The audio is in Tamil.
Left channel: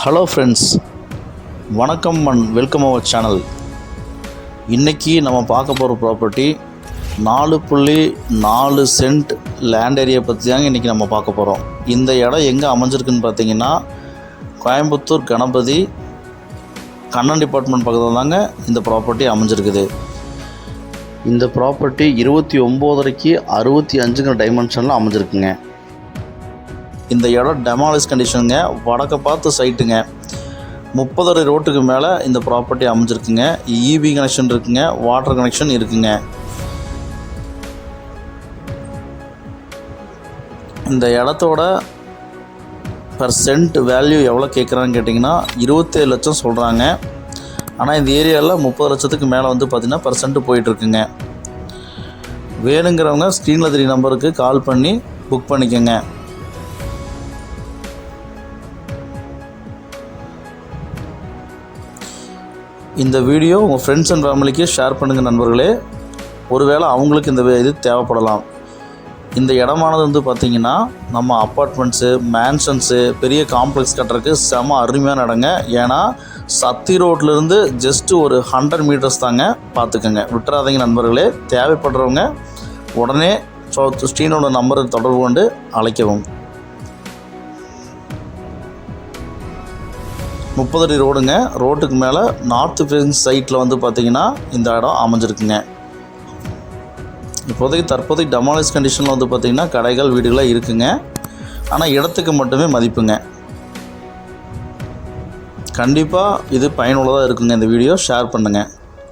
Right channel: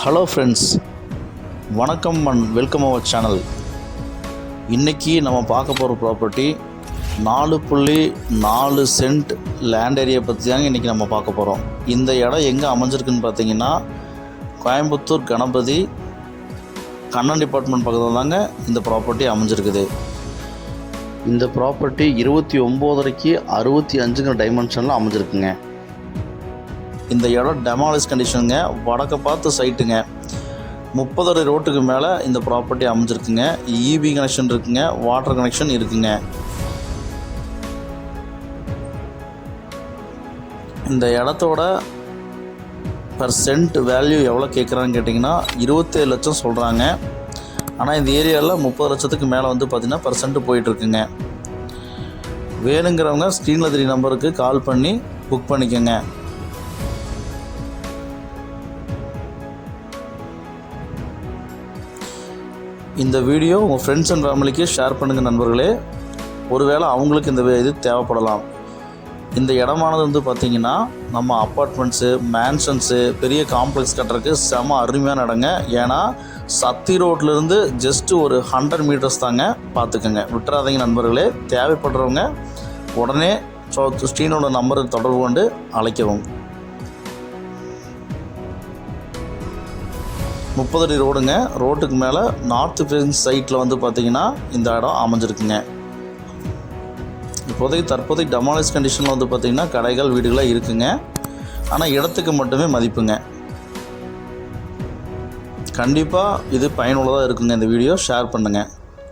ஹலோ ஃப்ரெண்ட்ஸ், வணக்கம் அண்ட் வெல்கம் அவர் சேனல். இன்றைக்கி நம்ம பார்க்க போகிற ப்ராப்பர்ட்டி 4.4 சென்ட் லேண்ட் ஏரியா பற்றி தாங்க இன்றைக்கி நம்ம பார்க்க போகிறோம். இந்த இடம் எங்கே அமைஞ்சிருக்குன்னு பார்த்தீங்கன்னா கோயம்புத்தூர் கணபதி கண்ணன் டிபார்ட்மெண்ட் பக்கத்தில் தாங்க இந்த ப்ராப்பர்ட்டி அமைஞ்சிருக்குது. இந்த ப்ராப்பர்ட்டி 29.5 65 டைமென்ஷனில் அமைஞ்சிருக்குங்க. இந்த இடம் டெமாலிஷ் கண்டிஷனுங்க, வடக்க பார்த்து சைட்டுங்க. 30 அடி ரோட்டுக்கு மேலே இந்த ப்ராப்பர்ட்டி அமைஞ்சிருக்குங்க. இபி கனெக்ஷன் இருக்குங்க, வாட்டர் கனெக்ஷன் இருக்குங்க. இந்த இடத்தோட பர் சென்ட் வேல்யூ எவ்வளோ கேட்குறான்னு கேட்டிங்கன்னா 27 லட்சம் சொல்கிறாங்க. ஆனால் இந்த ஏரியாவில் 30 லட்சத்துக்கு மேலே வந்து பார்த்திங்கன்னா பர் சென்ட் போயிட்டுருக்குங்க. வேணுங்கிறவங்க ஸ்க்ரீனில் 3 நம்பருக்கு கால் பண்ணி புக் பண்ணிக்கோங்க. இந்த வீடியோ உங்கள் ஃப்ரெண்ட்ஸ் அண்ட் ஃபேமிலிக்கு ஷேர் பண்ணுங்கள் நண்பர்களே. ஒருவேளை அவங்களுக்கு இந்த இது தேவைப்படலாம். இந்த இடமானது வந்து பார்த்திங்கன்னா நம்ம அப்பார்ட்மெண்ட்ஸு, மேன்ஷன்ஸு, பெரிய காம்ப்ளெக்ஸ் கட்டுறதுக்கு செம அருமையான இடங்க. ஏன்னா சத்தி ரோட்லேருந்து ஜஸ்ட்டு ஒரு 100 மீட்டர்ஸ் தாங்க, பார்த்துக்கோங்க, விட்டுறாதீங்க நண்பர்களே. தேவைப்படுறவங்க உடனே ஸ்டீனோட நம்பரை தொடர்பு கொண்டு அழைக்கவும். 30 அடி ரோடுங்க. ரோட்டுக்கு மேலே நார்த்து ஃபேசிங் சைட்டில் வந்து பார்த்திங்கன்னா இந்த இடம் அமைஞ்சிருக்குங்க. தற்போதைக்கு டெமாலிஷ் கண்டிஷனில் வந்து பார்த்திங்கன்னா கடைகள், வீடுகளாக இருக்குங்க. ஆனால் இடத்துக்கு மட்டுமே மதிப்புங்க. கண்டிப்பாக இது பயனுள்ளதாக இருக்குங்க. இந்த வீடியோ ஷேர் பண்ணுங்கள்.